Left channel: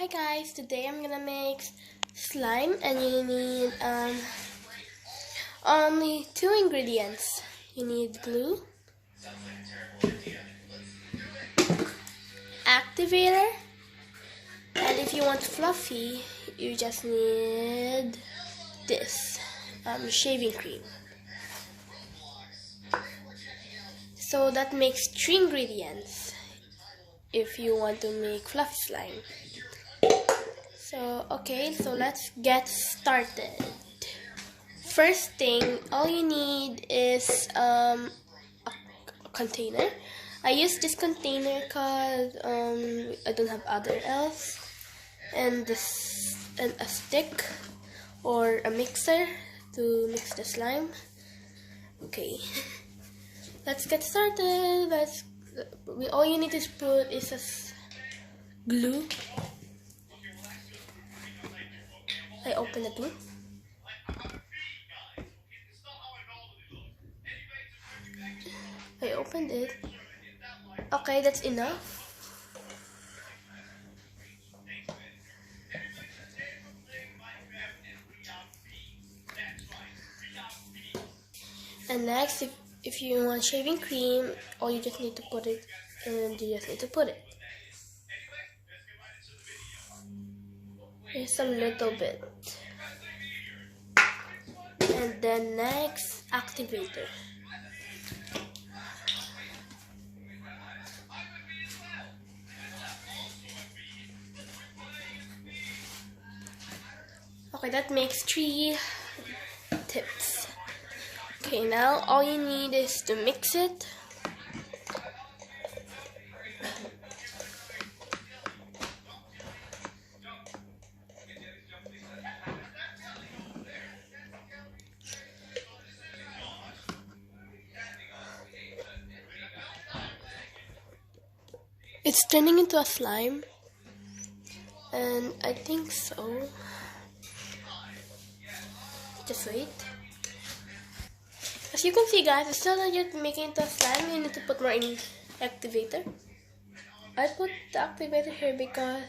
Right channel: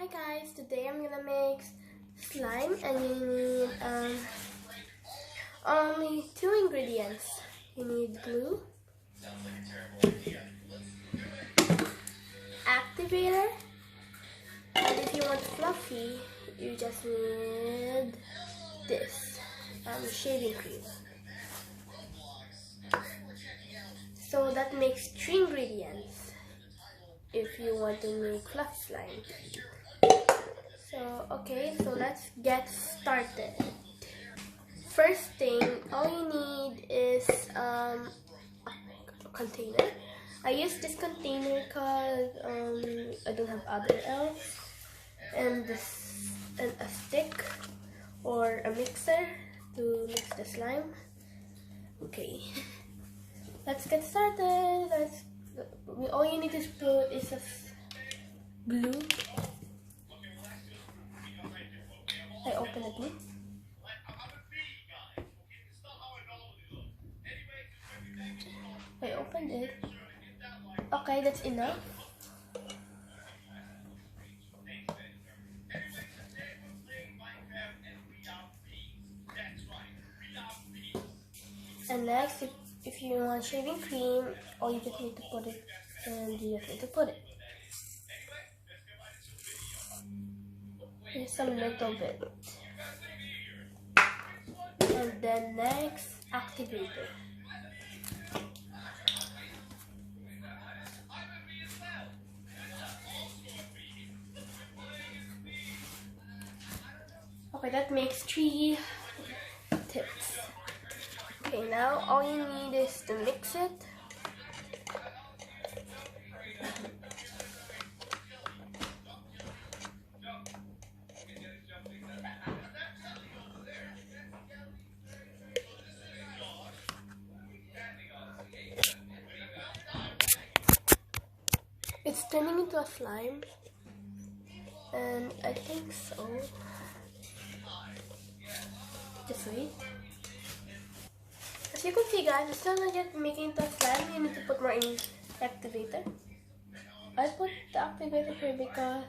Hi guys, today I'm gonna make slime and you need only two ingredients. You need glue, activator, and if you want fluffy, you just need this, shaving cream. So that makes three ingredients if you want to make fluffy slime. So let's get started. First thing, all you need is a container. I use this container because I don't have other else, and a stick or a mixer to mix the slime. Okay, let's get started. All you need to put is glue. I open the glue. I opened it. Okay, that's enough. And next, if you want shaving cream, all you just need to put it, and you just need to put it. Here's some little bit. And then next, activator. Okay, that makes 3 tips. Okay, now all you need is to mix it. It's turning into a slime, and I think so. Just wait. As you can see guys, it's still not yet making into a slime. You need to put more in activator. I put the activator here because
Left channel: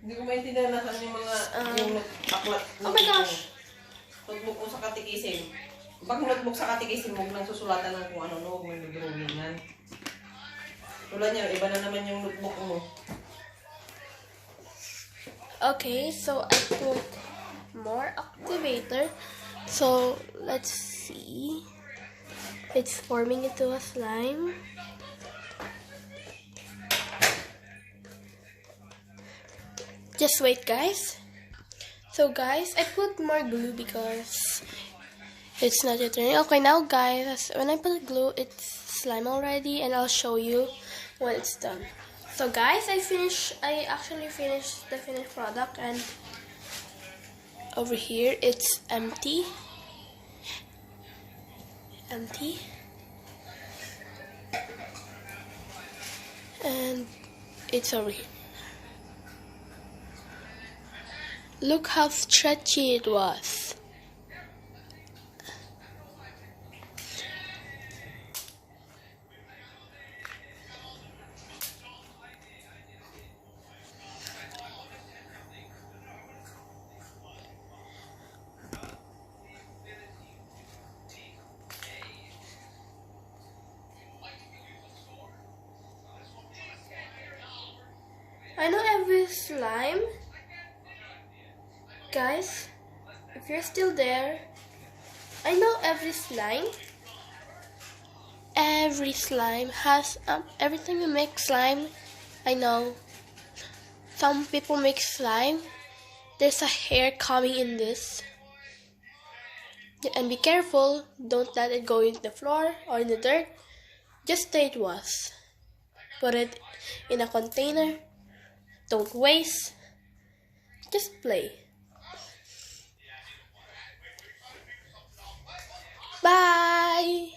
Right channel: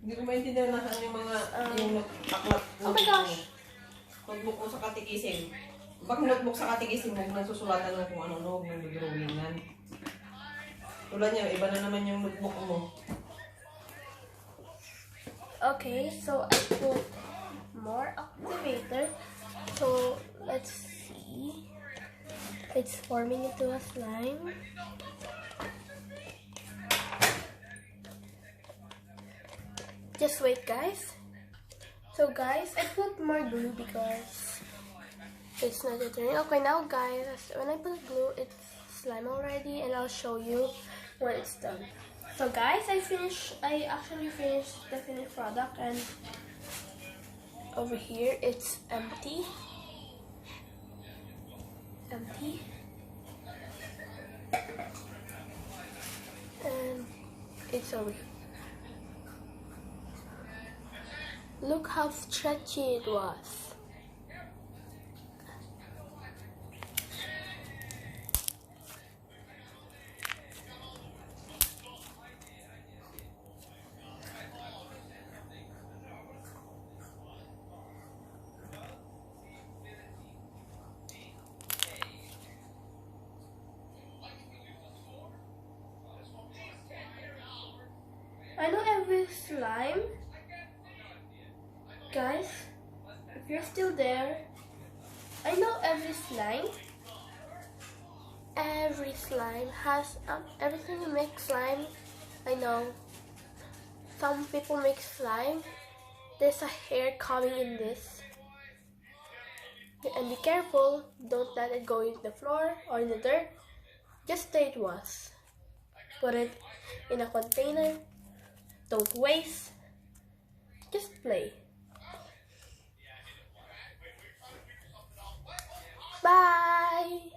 hindi ko maintindihan na saan yung mga yung aklat. Oh my gosh! Notebook mo sa katikisim. Pag notebook sa katikisim, huwag nang susulatan ng kung ano, huwag nang drawingan. Tulad niya, iba na naman yung notebook mo. Okay, so I put more activator. So let's see. It's forming into a slime. Just wait guys. So guys, I put more glue because it's not yet turning. Okay, now guys, when I put glue, it's slime already, and I'll show you when it's done. So guys, I actually finished the finished product, and over here it's empty. And it's over here. Look how stretchy it was. I know every slime, guys, if you're still there, I know every slime has every time you make slime, I know some people make slime, there's a hair coming in this, and be careful, don't let it go into the floor or in the dirt. Just stay it was. Put it in a container. Don't waste. Just play. Bye!